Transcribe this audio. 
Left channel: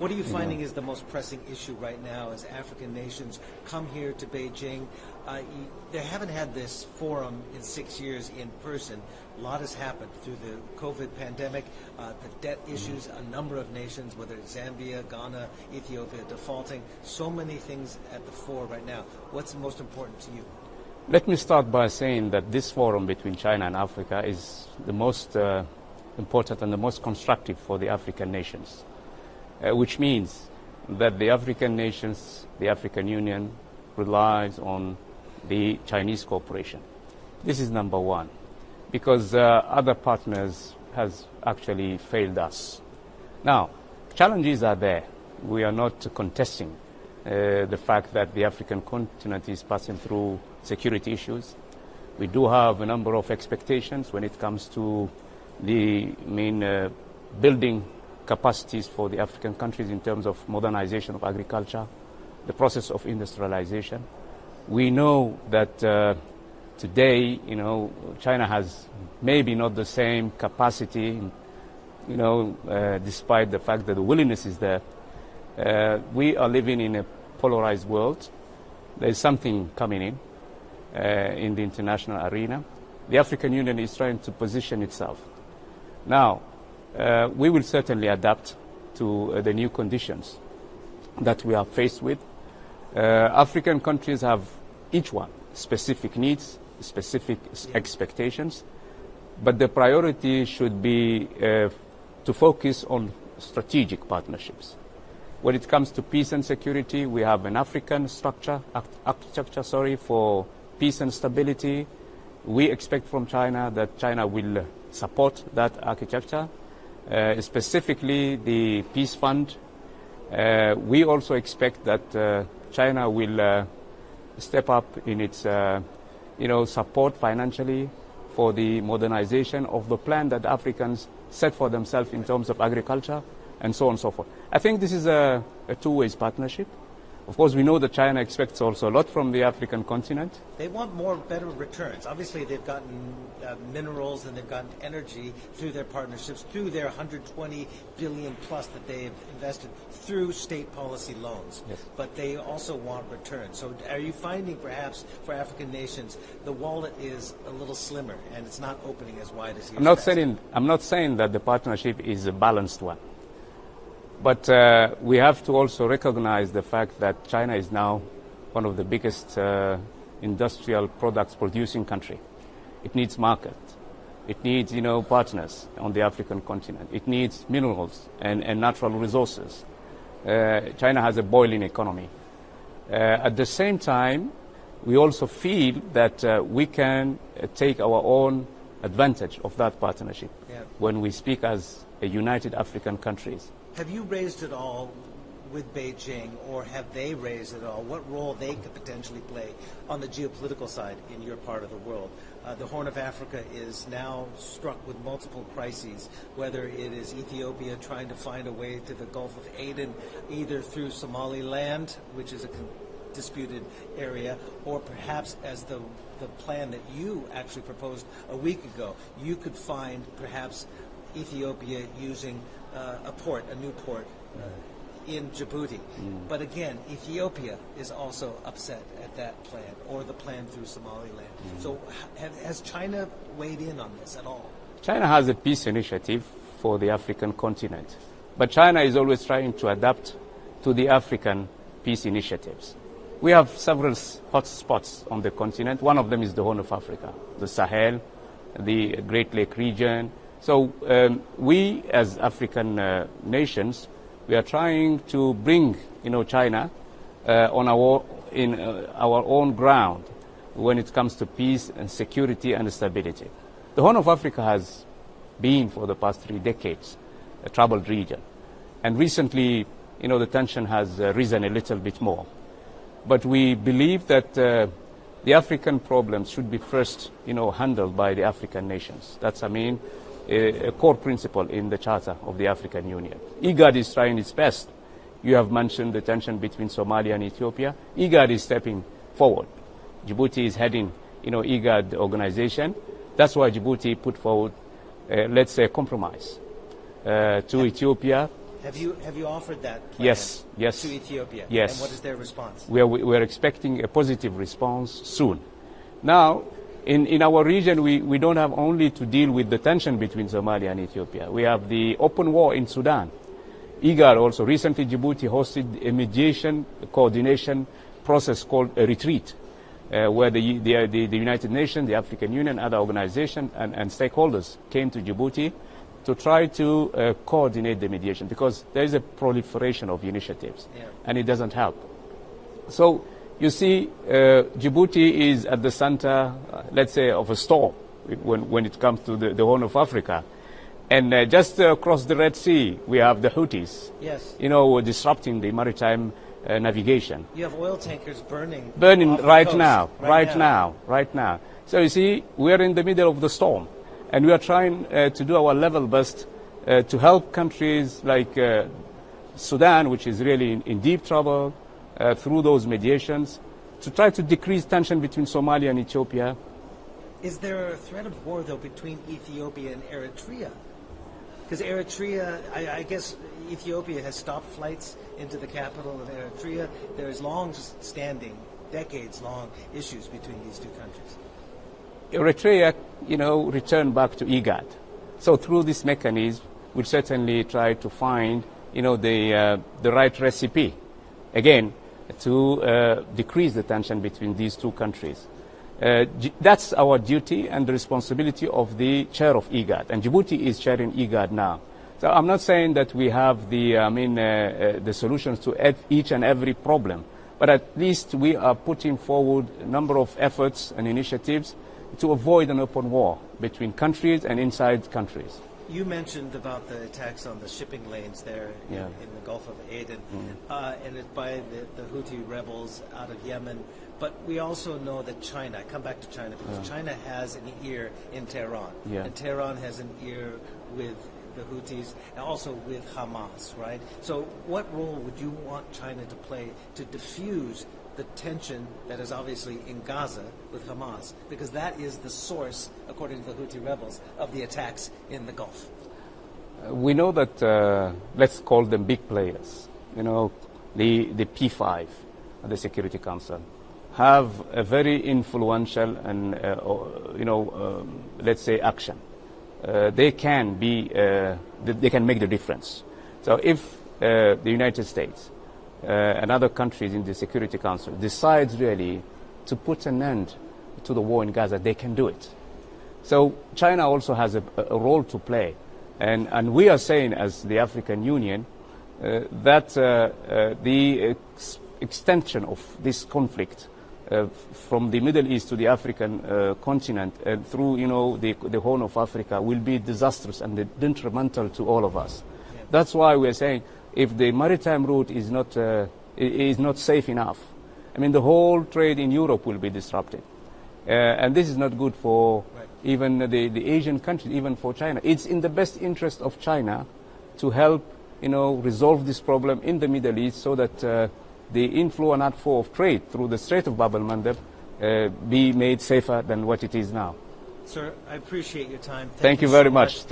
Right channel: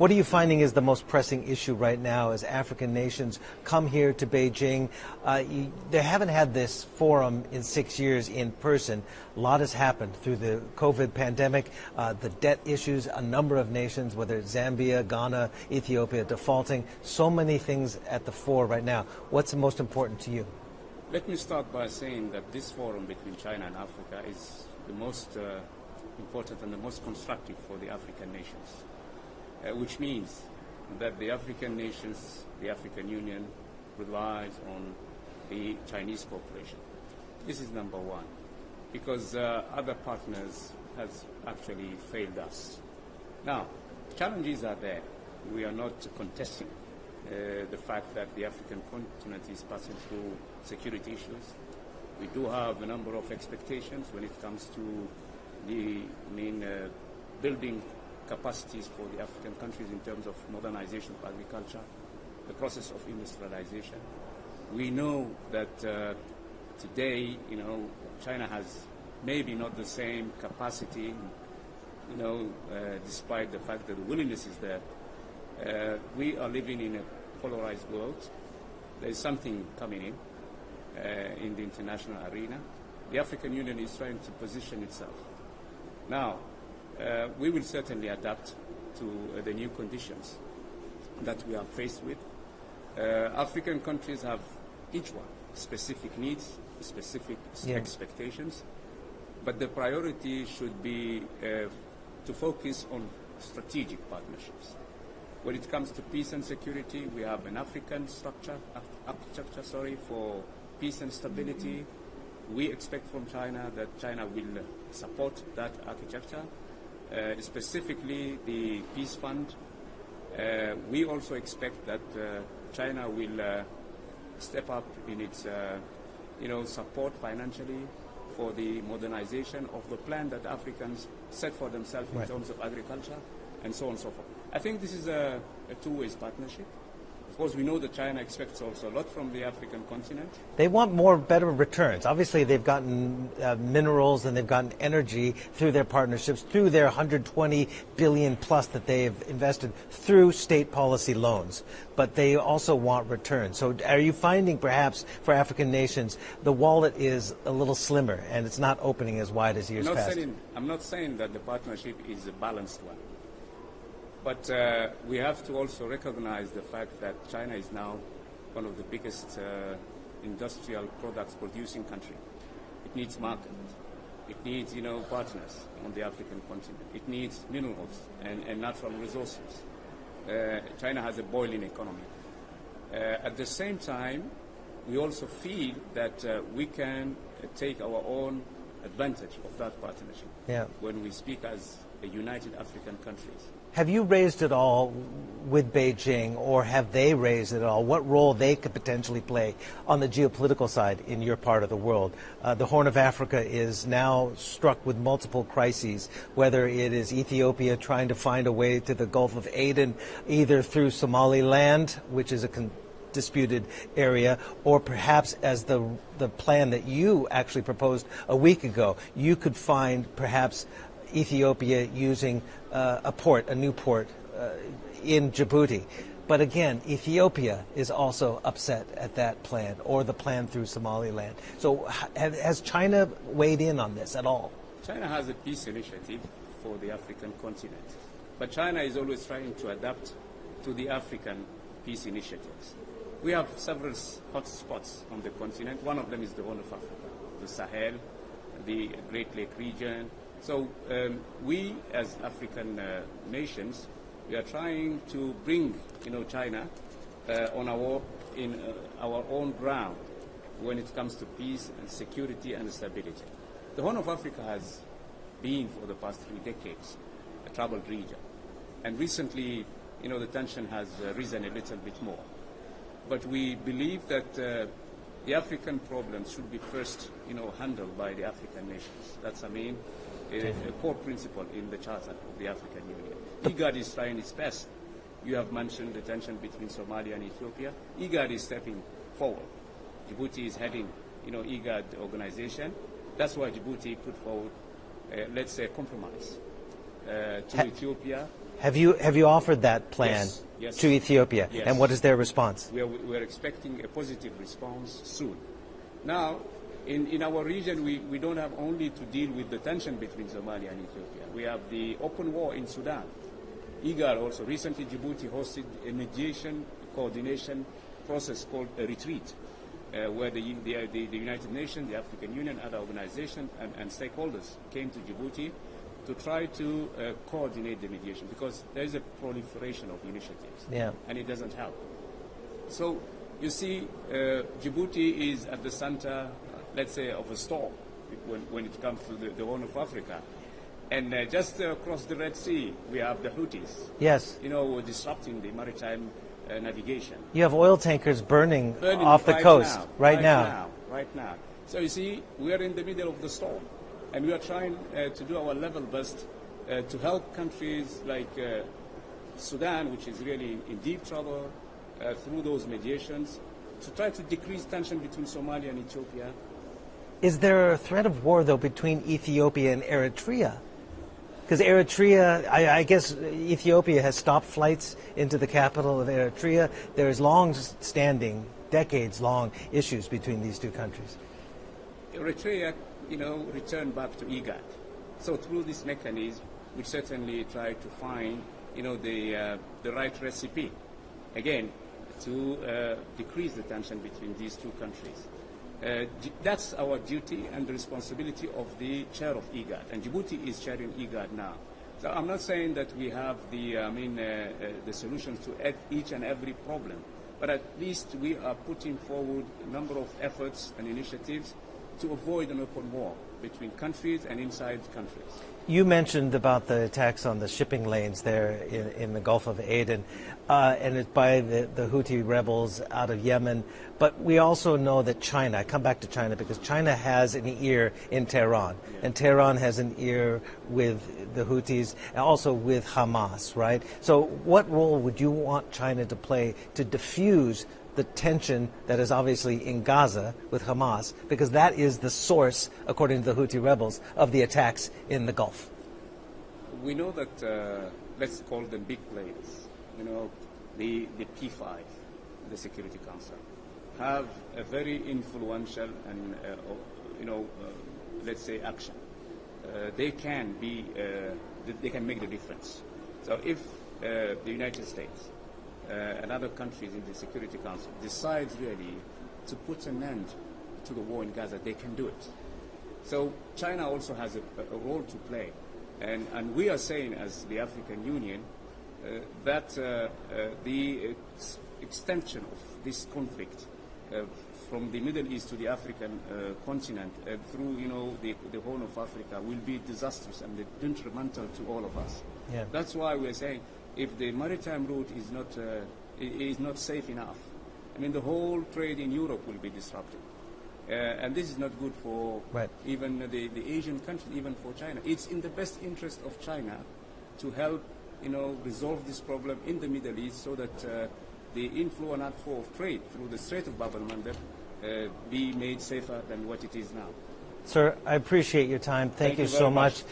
What are you finding is the most pressing issue right now as African nations come here to Beijing? They haven't had this forum in 6 years in person. A lot has happened through the COVID pandemic, the debt issues, a number of nations, whether it's Zambia, Ghana, Ethiopia, defaulting, so many things at the fore right now. What's most important to you? Let me start by saying that this forum between China and Africa is the most important and the most constructive for the African nations, which means that the African nations, the African Union, relies on the Chinese cooperation. This is number one, because other partners has actually failed us. Now, challenges are there. We are not contesting the fact that the African continent is passing through security issues. We do have a number of expectations when it comes to the building capacities for the African countries in terms of modernization of agriculture, the process of industrialization. We know that today, China has maybe not the same capacity, despite the fact that the willingness is there. We are living in a polarized world. There is something coming in the international arena. The African Union is trying to position itself. Now, we will certainly adapt to the new conditions that we are faced with. African countries have each one specific needs, specific expectations, but the priority should be to focus on strategic partnerships. When it comes to peace and security, we have an African architecture for peace and stability. We expect from China that China will support that architecture, specifically the Peace Fund. We also expect that China will step up in its support financially for the modernization of the plan that Africans set for themselves in terms of agriculture and so on and so forth. I think this is a two-way partnership. Of course, we know that China expects also a lot from the African continent. They want better returns. Obviously, they've gotten minerals and they've gotten energy through their partnerships, through their 120 billion plus that they've invested through state policy loans. Yes. But they also want returns. So are you finding perhaps for African nations, the wallet is a little slimmer and it's not opening as wide as years past? I'm not saying that the partnership is a balanced one. But we have to also recognize the fact that China is now one of the biggest industrial products producing country. It needs market. It needs, partners on the African continent. It needs minerals and natural resources. China has a boiling economy. At the same time, we also feel that we can take our own advantage of that partnership when we speak as a united African countries. Have you raised it all with Beijing, or have they raised it all? What role they could potentially play on the geopolitical side in your part of the world? The Horn of Africa is now struck with multiple crises, whether it is Ethiopia trying to find a way to the Gulf of Aden, either through Somaliland, which is a disputed area, or perhaps as the plan that you actually proposed a week ago, you could find perhaps Ethiopia using a new port in Djibouti. But again, Ethiopia is also upset at that plan, or the plan through Somaliland. So has China weighed in on this at all? China has a peace initiative for the African continent, but China is always trying to adapt to the African peace initiatives. We have several hot spots on the continent. One of them is the Horn of Africa, the Sahel, the Great Lake region. So we, as African nations, we are trying to bring, China on our own ground when it comes to peace and security and stability. The Horn of Africa has been, for the past 3 decades, a troubled region, and recently, the tension has risen a little bit more. But we believe that the African problems should be first, handled by the African nations. That's, a core principle in the Charter of the African Union. IGAD is trying its best. You have mentioned the tension between Somalia and Ethiopia. IGAD is stepping forward. Djibouti is heading, IGAD organization. That's why Djibouti put forward, let's say, a compromise to Ethiopia Have you offered that plan yes. to Ethiopia? Yes. And what is their response? We're expecting a positive response soon. Now, in our region, we don't have only to deal with the tension between Somalia and Ethiopia. We have the open war in Sudan. IGAD also. Recently, Djibouti hosted a mediation coordination process called a retreat, where the United Nations, the African Union, other organizations, and stakeholders came to Djibouti to try to coordinate the mediation, because there is a proliferation of initiatives, and it doesn't help. So you see, Djibouti is at the center, let's say, of a storm when it comes to the Horn of Africa. And just across the Red Sea, we have the Houthis, disrupting the maritime navigation. You have oil tankers burning off the right coast. Right now. So you see, we're in the middle of the storm. And we are trying to do our level best to help countries like Sudan, which is really in deep trouble, through those mediations, to try to decrease tension between Somalia and Ethiopia. Is there a threat of war, though, between Ethiopia and Eritrea? Because Eritrea, I guess Ethiopia has stopped flights into the capital of Eritrea. There is long-standing, decades-long issues between these two countries. Eritrea, return back to IGAD. So through this mechanism, we certainly try to find, the right recipe, again, to decrease the tension between these two countries. That's our duty and the responsibility of the chair of IGAD, and Djibouti is chairing IGAD now. So I'm not saying that we have the solutions to each and every problem, but at least we are putting forward a number of efforts and initiatives to avoid an open war between countries and inside countries. You mentioned about the attacks on the shipping lanes there in the Gulf of Aden, and it's by the Houthi rebels out of Yemen. But we also know that China, I come back to China because China has an ear in Tehran, and Tehran has an ear with the Houthis, and also with Hamas, right? So what role would you want China to play to diffuse the tension that is obviously in Gaza with Hamas, because that is the source, according to the Houthi rebels, of the attacks in the Gulf? We know that, let's call them big players, the P5, the Security Council, have a very influential and, let's say, action. They can they can make the difference. So if the United States and other countries in the Security Council decides really to put an end to the war in Gaza, they can do it. So China also has a role to play. And we are saying, as the African Union, that the extension of this conflict from the Middle East to the African continent and through, the Horn of Africa will be disastrous and detrimental to all of us. That's why we're saying, if the maritime route is not safe enough, the whole trade in Europe will be disrupted. And this is not good for even the Asian countries, even for China. It's in the best interest of China to help, resolve this problem in the Middle East so that the inflow and outflow of trade through the Strait of Bab el-Mandeb be made safer than what it is now. Sir, I appreciate your time. Thank you very much.